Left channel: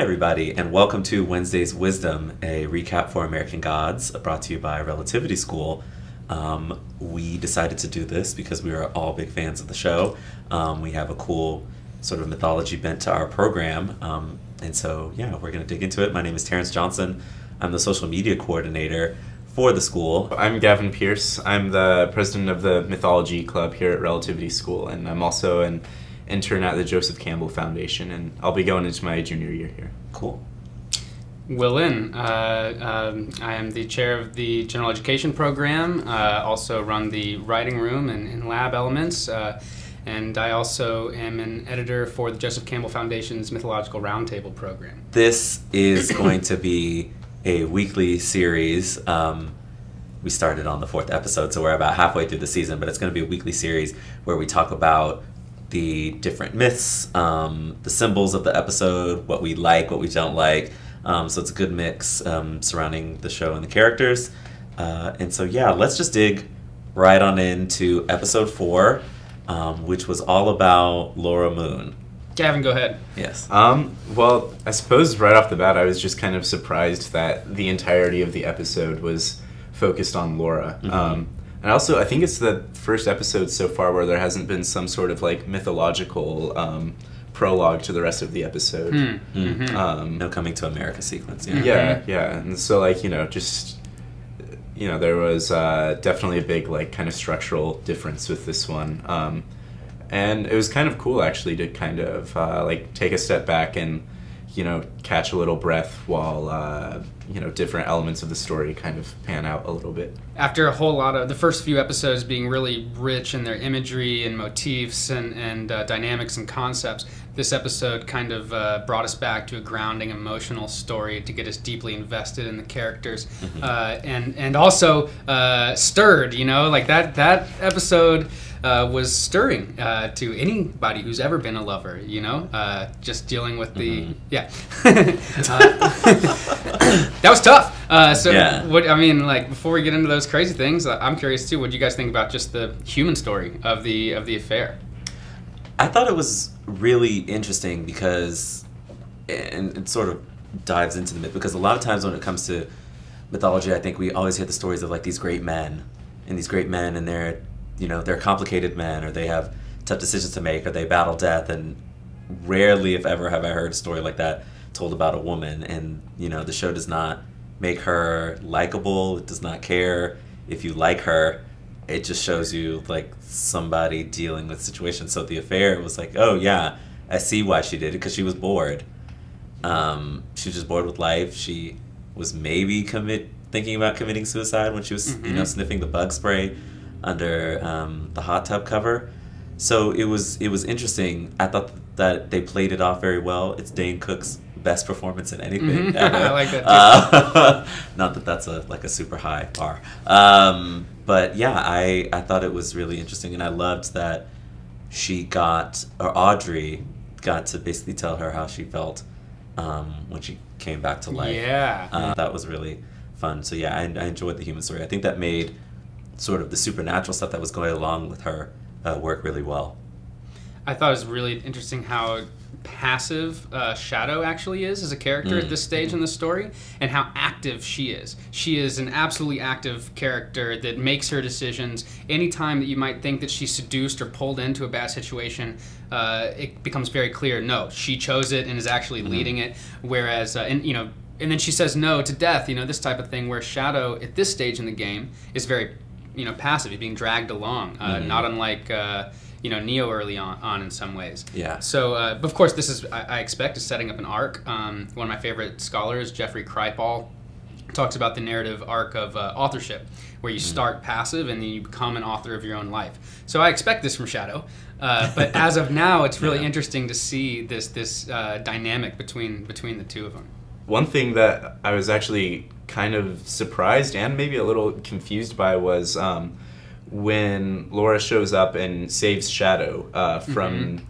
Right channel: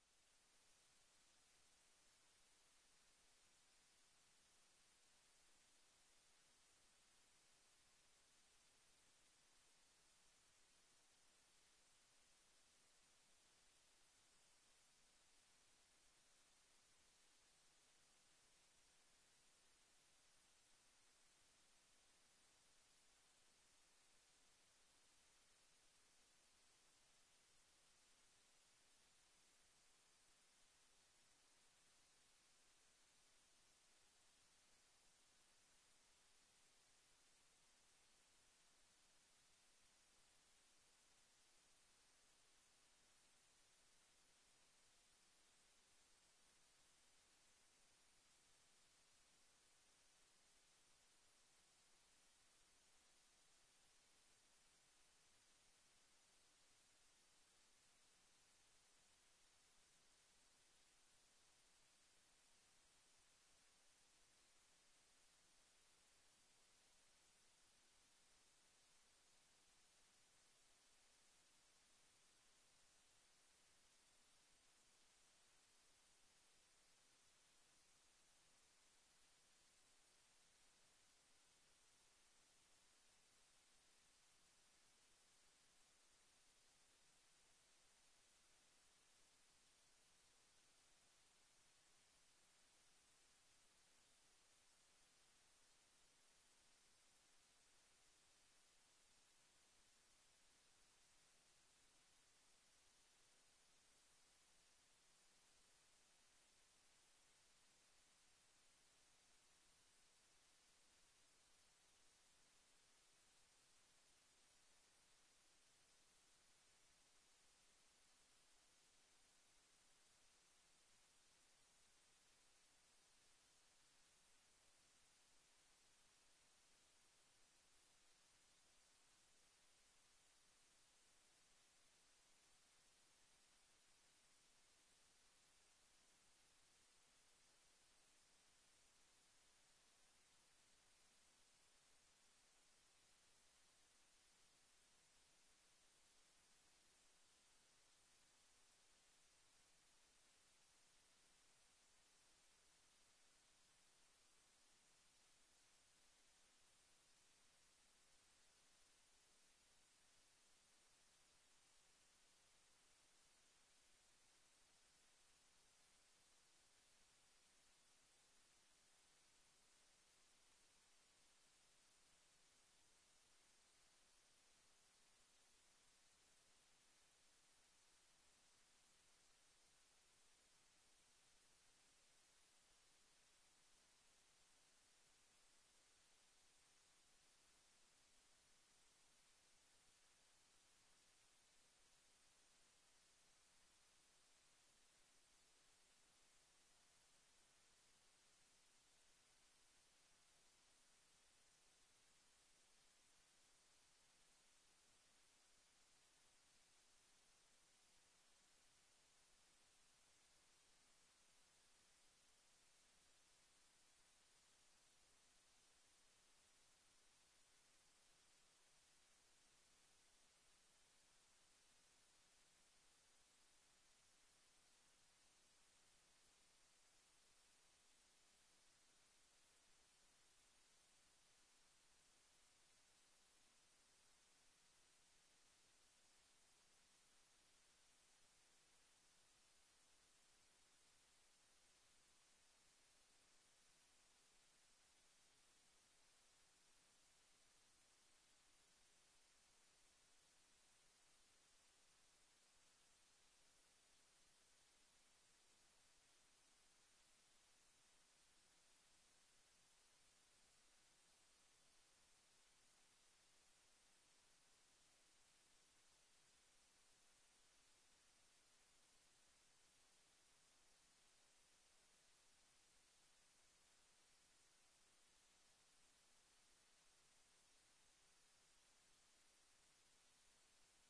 Hi, everybody, and welcome to Wednesday's Wisdom, a recap for American Gods, brought to you by Relativity School. We decided to do this because we are all big fans of the show. We have a cool sort of mythology bent to our program, and so, yeah, we're going to dig into it. My name is Terrence Johnson. I'm the social media coordinator for the school. I'm Gavin Pierce. I'm the president of the Mythology Club here at Relativity School, and I'm also an intern at the Joseph Campbell Foundation, and I'll be going into my junior year here. Cool. Will Lin. I am the chair of the General Education Program, also run the writing room and lab elements, and I also am an editor for the Joseph Campbell Foundation's Mythological Roundtable program. This is going to be a weekly series. We started on the 4th episode, so we're about halfway through the season, but it's going to be a weekly series where we talk about the different myths, the symbols of the episode, what we like, what we don't like. So it's a good mix surrounding the show and the characters. And so, yeah, let's just dig right on into episode 4, which was all about Laura Moon. Gavin, go ahead. Yes. Well, I suppose right off the bat, I was just kind of surprised that the entirety of the episode was focused on Laura. Mm-hmm. And also, I think it's the first episode so far where there hasn't been some sort of like mythological prologue to the rest of the episode. Mm-hmm. No coming to America sequence. Yeah. And so like, just, there was definitely a big like kind of structural difference with this one. And it was kind of cool actually to kind of like take a step back and, catch a little breath while, different elements of the story kind of pan out a little bit. After a whole lot of the first few episodes being really rich in their imagery and motifs and dynamics and concepts, this episode kind of brought us back to a grounding emotional story to get us deeply invested in the characters, and also stirred. Like that episode was stirring to anybody who's ever been a lover. Just dealing with the that was tough. Before we get into those crazy things, I'm curious too. What do you guys think about just the human story of the affair? I thought it was really interesting because, and it sort of dives into the myth, because a lot of times when it comes to mythology, I think we always hear the stories of like these great men, and they're complicated men, or they have tough decisions to make, or they battle death, and rarely, if ever, have I heard a story like that told about a woman. And the show does not make her likable. It does not care if you like her. It just shows you like somebody dealing with situations. So the affair was like, oh yeah, I see why she did it, because she was bored. She was just bored with life. She was maybe thinking about committing suicide when she was sniffing the bug spray under the hot tub cover. So it was interesting. I thought that they played it off very well. It's Dane Cook's best performance in anything ever. I like that too. Not that that's a super high bar. But yeah, I thought it was really interesting, and I loved that Audrey got to basically tell her how she felt when she came back to life. Yeah. That was really fun. So yeah, I enjoyed the human story. I think that made sort of the supernatural stuff that was going along with her work really well. I thought it was really interesting how passive Shadow actually is as a character at this stage in the story, and how active she is. She is an absolutely active character that makes her decisions. Anytime that you might think that she's seduced or pulled into a bad situation, it becomes very clear, no, she chose it and is actually leading it. Whereas, and then she says no to death, this type of thing, where Shadow at this stage in the game is very, passive. He's being dragged along, not unlike Neo early on in some ways. Yeah. So, but of course, this is, I expect, is setting up an arc. One of my favorite scholars, Jeffrey Kripal, talks about the narrative arc of authorship, where you start passive and then you become an author of your own life. So I expect this from Shadow. But as of now, it's really interesting to see this dynamic between the two of them. One thing that I was actually kind of surprised and maybe a little confused by was when Laura shows up and saves Shadow from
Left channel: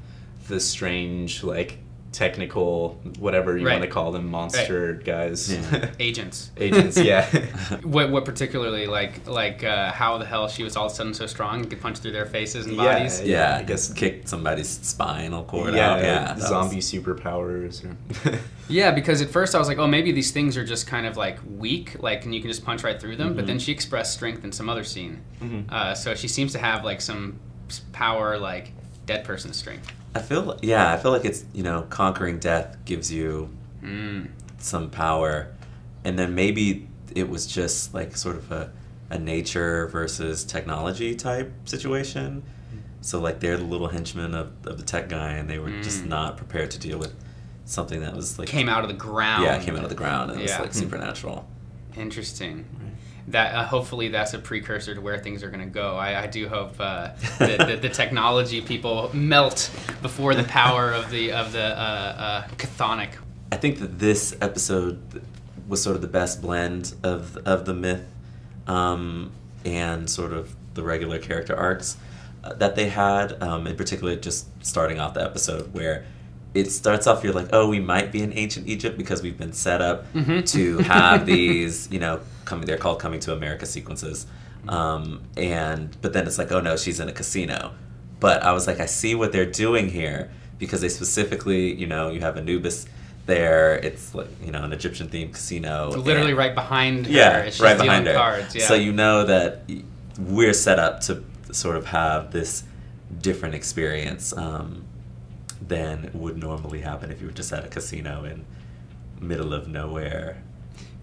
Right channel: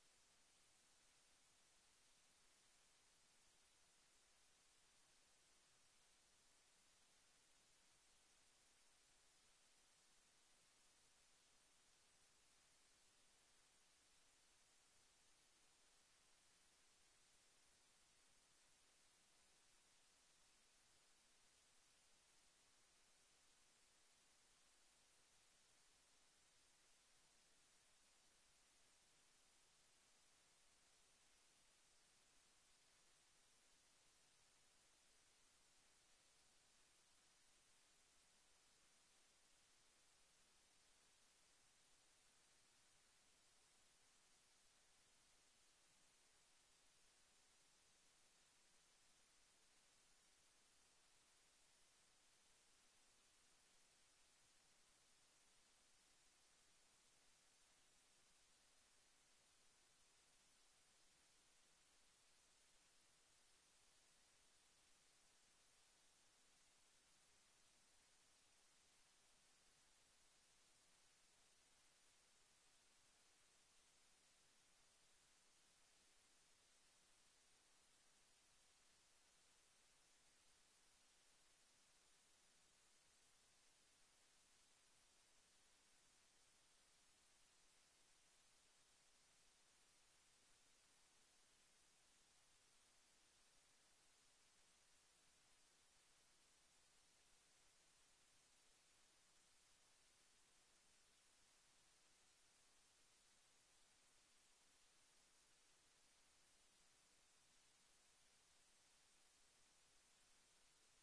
the strange, like, technical, whatever you Right. want to call them, monster guys. Yeah. Agents. Agents, yeah. What particularly like how the hell she was all of a sudden so strong and could punch through their faces and Yeah. bodies? Yeah, I guess- kicked somebody's spinal cord yeah, out. Yeah, that zombie was- superpowers. Or Yeah, because at first I was like, oh, maybe these things are just kind of like weak, like, and you can just punch right through them. But then she expressed strength in some other scene. So she seems to have like some power, like dead person strength. I feel like it's, you know, conquering death gives you some power, and then maybe it was just like sort of a nature versus technology type situation. So like they're the little henchmen of the tech guy, and they were just not prepared to deal with something that was like Came out of the ground. Yeah, it came out of the ground, and it was Yeah. like supernatural. Interesting. That hopefully that's a precursor to where things are going to go. I do hope the technology people melt before the power of the chthonic. I think that this episode was sort of the best blend of the myth and sort of the regular character arcs that they had. In particular, just starting off the episode where it starts off, you're like, oh, we might be in ancient Egypt because we've been set up to have these, you know, they're called coming to America sequences. But then it's like, oh no, she's in a casino. But I was like, I see what they're doing here, because they specifically, you know, you have Anubis there. It's like, you know, an Egyptian themed casino. Literally and- right behind her. yeah, as she's right dealing behind her. cards. Yeah. So you know that we're set up to sort of have this different experience than would normally happen if you were just at a casino in middle of nowhere.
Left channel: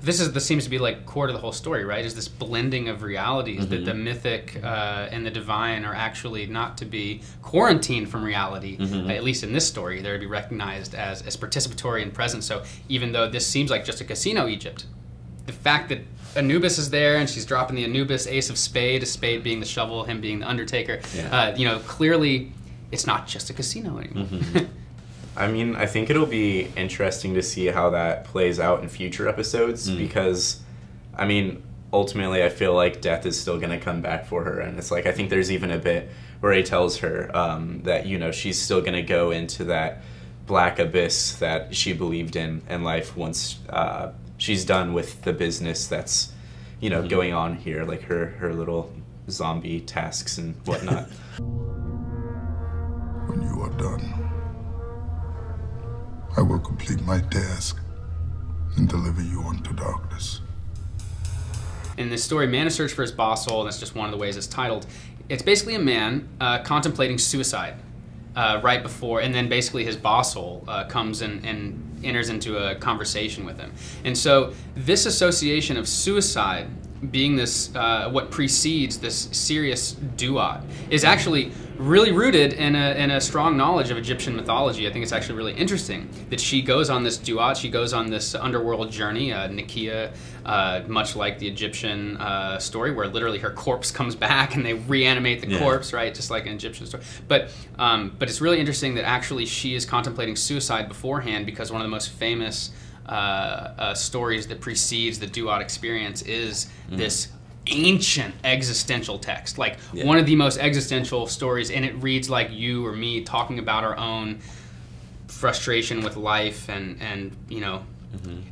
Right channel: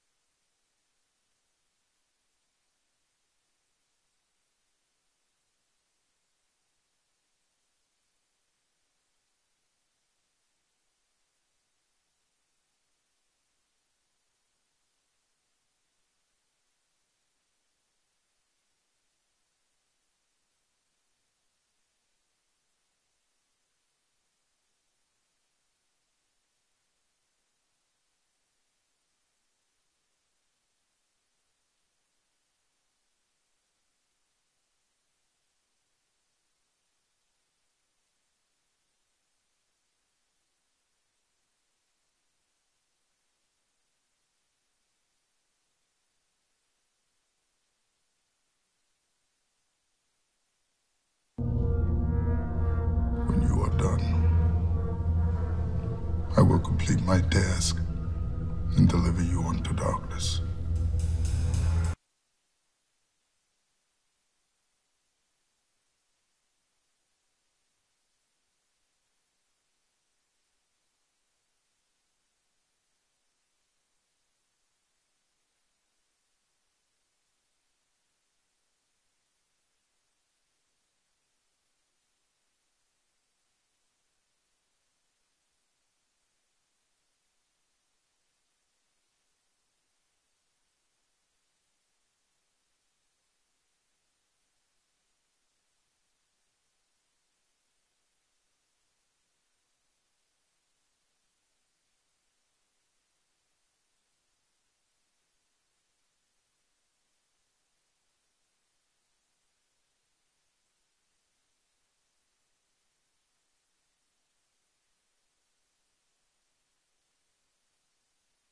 This seems to be like core to the whole story, right? Is this blending of realities that the mythic and the divine are actually not to be quarantined from reality. At least in this story, they're to be recognized as participatory and present. So even though this seems like just a casino Egypt, the fact that Anubis is there and she's dropping the Anubis ace of spade, a spade being the shovel, him being the undertaker, you know, clearly it's not just a casino anymore. I mean, I think it'll be interesting to see how that plays out in future episodes because, I mean, ultimately I feel like death is still going to come back for her. And it's like, I think there's even a bit where he tells her that, you know, she's still going to go into that black abyss that she believed in life once she's done with the business that's, you know, going on here, like her little zombie tasks and whatnot. When you are done, I will complete my task and deliver you unto darkness. In this story, Man in Search for His Boss Soul, and that's just one of the ways it's titled, it's basically a man contemplating suicide right before, and then basically his boss soul comes and enters into a conversation with him. And so this association of suicide being this, what precedes this serious duat, is actually really rooted in a strong knowledge of Egyptian mythology. I think it's actually really interesting that she goes on this duat, she goes on this underworld journey, Nikia, much like the Egyptian story, where literally her corpse comes back and they reanimate the corpse, right, just like an Egyptian story. But it's really interesting that actually she is contemplating suicide beforehand, because one of the most famous stories that precedes the duat experience is this ancient existential text, like one of the most existential stories, and it reads like you or me talking about our own frustration with life and you know.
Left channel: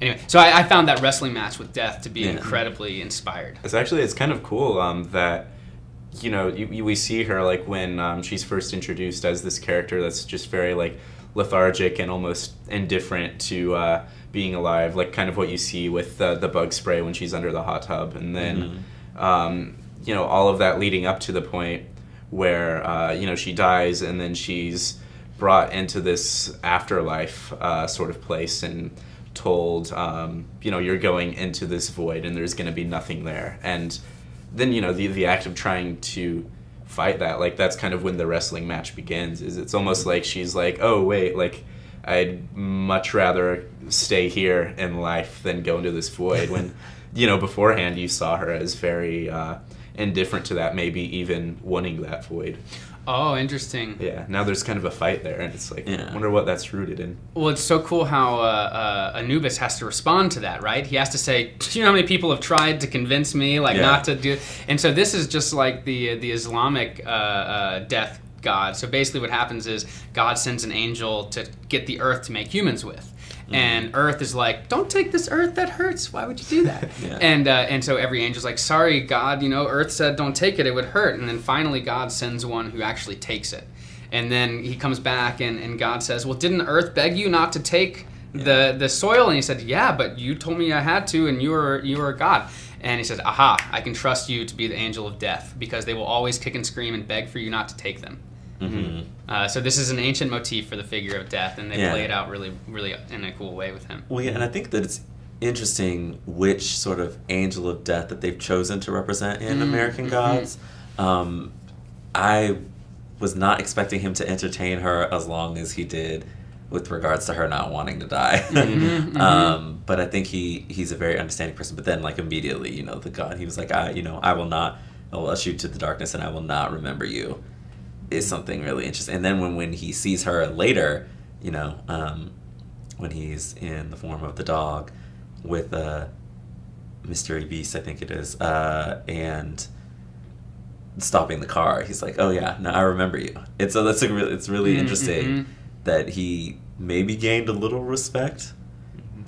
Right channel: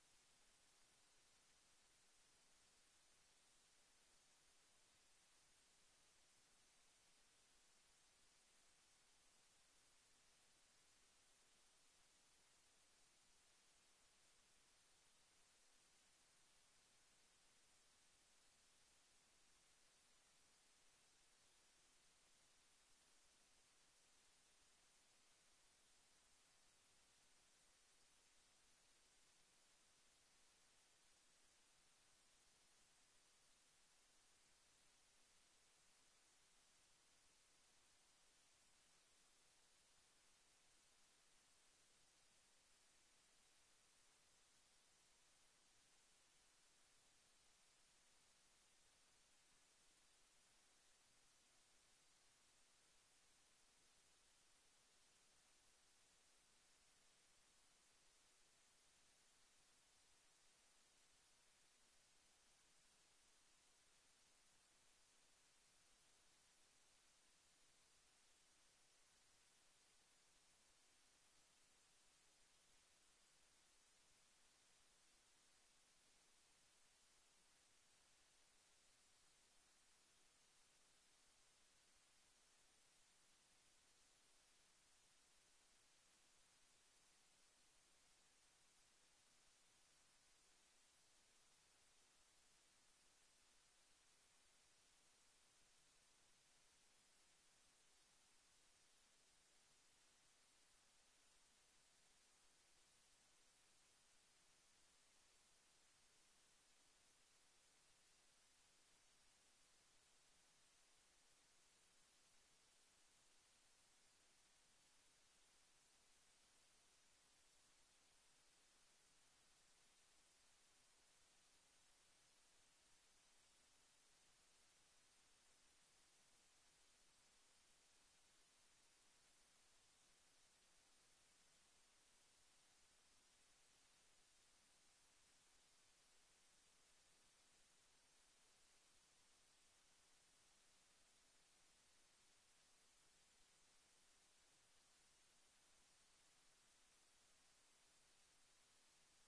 Anyway, so I found that wrestling match with death to be incredibly inspired. It's kind of cool that, you know, we see her like when she's first introduced as this character that's just very like lethargic and almost indifferent to being alive, like kind of what you see with the bug spray when she's under the hot tub, and then you know, all of that leading up to the point where you know, she dies and then she's brought into this afterlife sort of place and told, you know, you're going into this void and there's going to be nothing there. And then, you know, the act of trying to fight that, like, that's kind of when the wrestling match begins. Is it's almost like she's like, oh wait, like I'd much rather stay here in life than go into this void, when, you know, beforehand you saw her as very indifferent to that, maybe even wanting that void. Oh, interesting. Yeah, now there's kind of a fight there, and it's like, I wonder what that's rooted in. Well, it's so cool how Anubis has to respond to that, right? He has to say, do you know how many people have tried to convince me, like, not to do... And so this is just like the Islamic death God. So basically what happens is God sends an angel to get the earth to make humans with. And Earth is like, don't take this earth, that hurts. Why would you do that? Yeah. And so every angel's like, sorry, God, Earth said don't take it, it would hurt. And then finally God sends one who actually takes it. And then he comes back and God says, well, didn't Earth beg you not to take the soil? And he said, yeah, but you told me I had to, and you were God. And he says, aha, I can trust you to be the angel of death, because they will always kick and scream and beg for you not to take them. So this is an ancient motif for the figure of death, and they play it out really, really in a cool way with him. Well, yeah, and I think that it's interesting which sort of angel of death that they've chosen to represent in American Gods. I was not expecting him to entertain her as long as he did with regards to her not wanting to die. But I think he's a very understanding person. But then, like, immediately, the God, he was like, I will usher you to the darkness, and I will not remember you. Is something really interesting. And then when he sees her later, when he's in the form of the dog with Mystery Beast, I think it is, and stopping the car, he's like, oh yeah, no, I remember you. It's really interesting that he maybe gained a little respect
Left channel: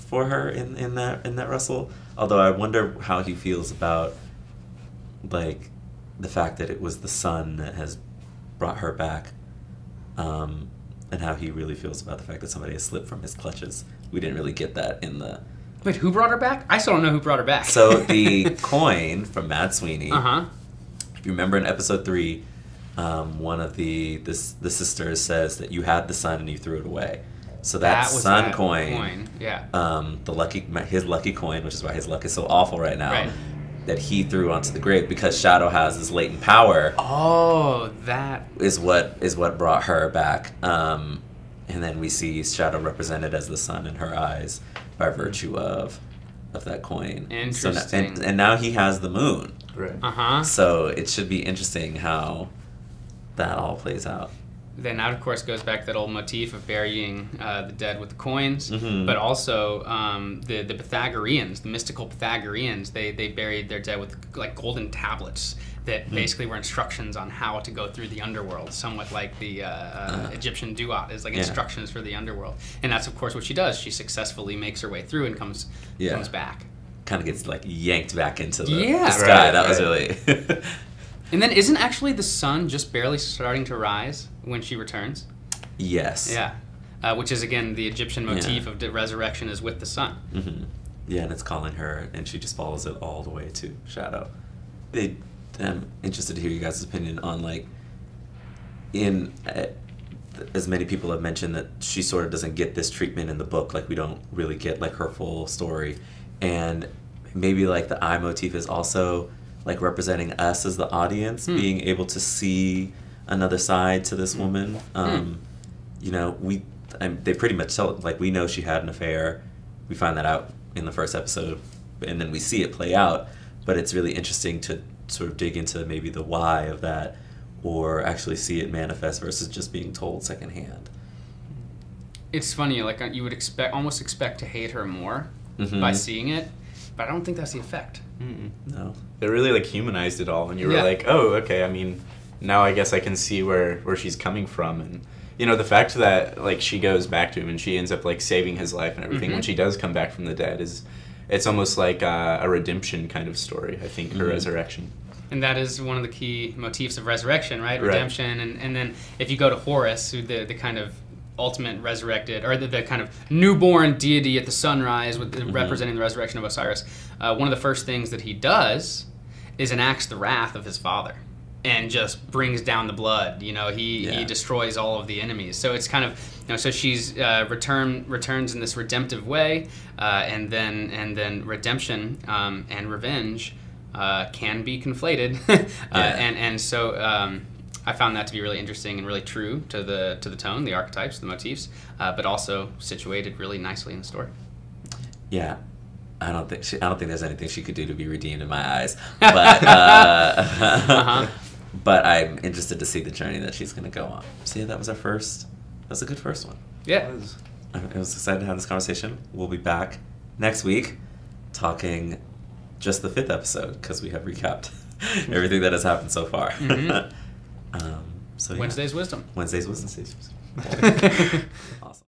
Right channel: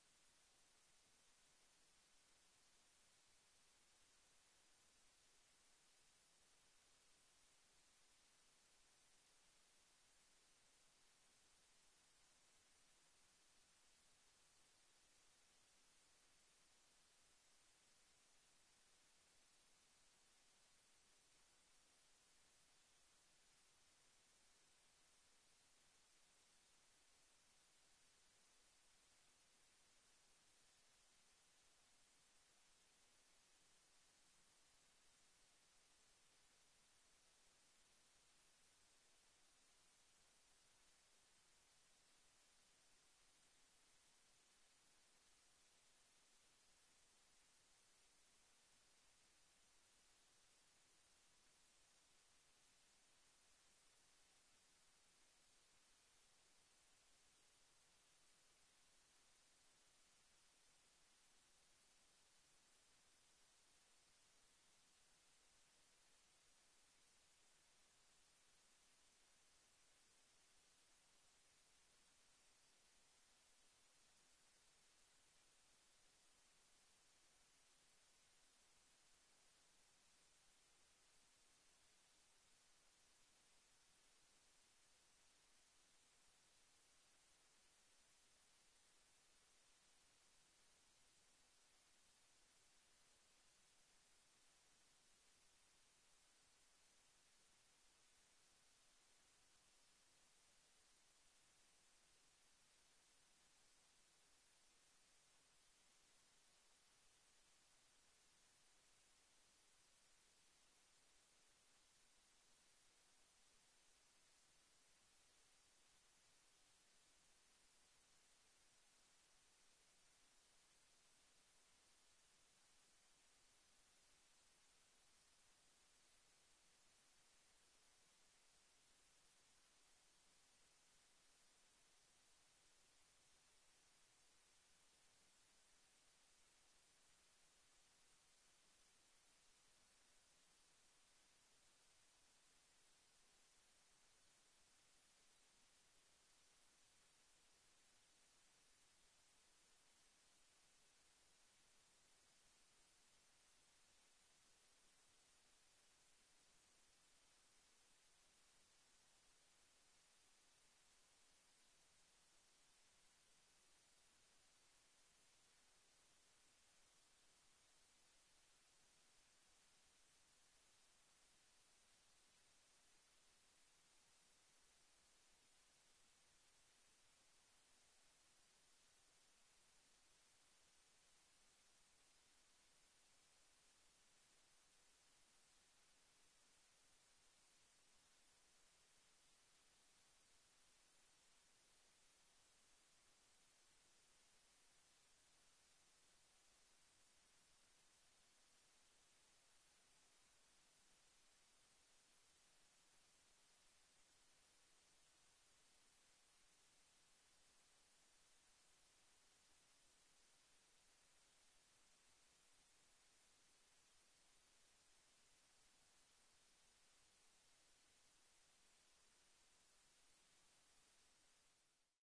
for her in that wrestle. Although I wonder how he feels about, like, the fact that it was the son that has brought her back, and how he really feels about the fact that somebody has slipped from his clutches. We didn't really get that in the... Wait, who brought her back? I still don't know who brought her back. So the coin from Mad Sweeney, if you remember in episode 3, one of the sisters says that you had the sun and you threw it away. So that was sun that coin, yeah. his lucky coin, which is why his luck is so awful right now, Right. that he threw onto the grave because Shadow has this latent power. Oh, that is what brought her back. And then we see Shadow represented as the sun in her eyes by virtue of that coin. Interesting. So and now he has the moon. Right. So it should be interesting how that all plays out. Then that, of course, goes back to that old motif of burying the dead with the coins, but also the Pythagoreans, the mystical Pythagoreans, they buried their dead with, like, golden tablets that basically were instructions on how to go through the underworld, somewhat like the Egyptian duat is like instructions for the underworld. And that's, of course, what she does. She successfully makes her way through and comes back. Kind of gets, like, yanked back into the Right, sky. That was really... And then isn't actually the sun just barely starting to rise when she returns? Yes. Yeah. Which is, again, the Egyptian motif of the resurrection is with the sun. Yeah, and it's calling her, and she just follows it all the way to Shadow. I'm interested to hear you guys' opinion on, like, as many people have mentioned that she sort of doesn't get this treatment in the book. Like, we don't really get, like, her full story. And maybe, like, the eye motif is also, like, representing us as the audience, being able to see another side to this woman. They pretty much tell it, like, we know she had an affair. We find that out in the first episode, and then we see it play out. But it's really interesting to sort of dig into maybe the why of that, or actually see it manifest versus just being told secondhand. It's funny, like, you would almost expect to hate her more by seeing it, but I don't think that's the effect. No. It really, like, humanized it all, and you were like, oh, okay, I mean, now I guess I can see where she's coming from. And, the fact that, like, she goes back to him and she ends up, like, saving his life and everything when she does come back from the dead it's almost like a redemption kind of story, I think, her resurrection. And that is one of the key motifs of resurrection, right? Redemption. And then if you go to Horus, who the kind of ultimate resurrected, or the kind of newborn deity at the sunrise with representing the resurrection of Osiris, one of the first things that he does is enacts the wrath of his father and just brings down the blood. He destroys all of the enemies. So it's kind of, so she's returns in this redemptive way, and then redemption and revenge can be conflated. And so I found that to be really interesting and really true to the tone, the archetypes, the motifs, but also situated really nicely in the story. Yeah. I don't think there's anything she could do to be redeemed in my eyes, but but I'm interested to see the journey that she's going to go on. So yeah, that was a good first one. Yeah. I was excited to have this conversation. We'll be back next week talking just the 5th episode, because we have recapped everything that has happened so far. So yeah. Wednesday's wisdom. Wednesday's wisdom. Awesome.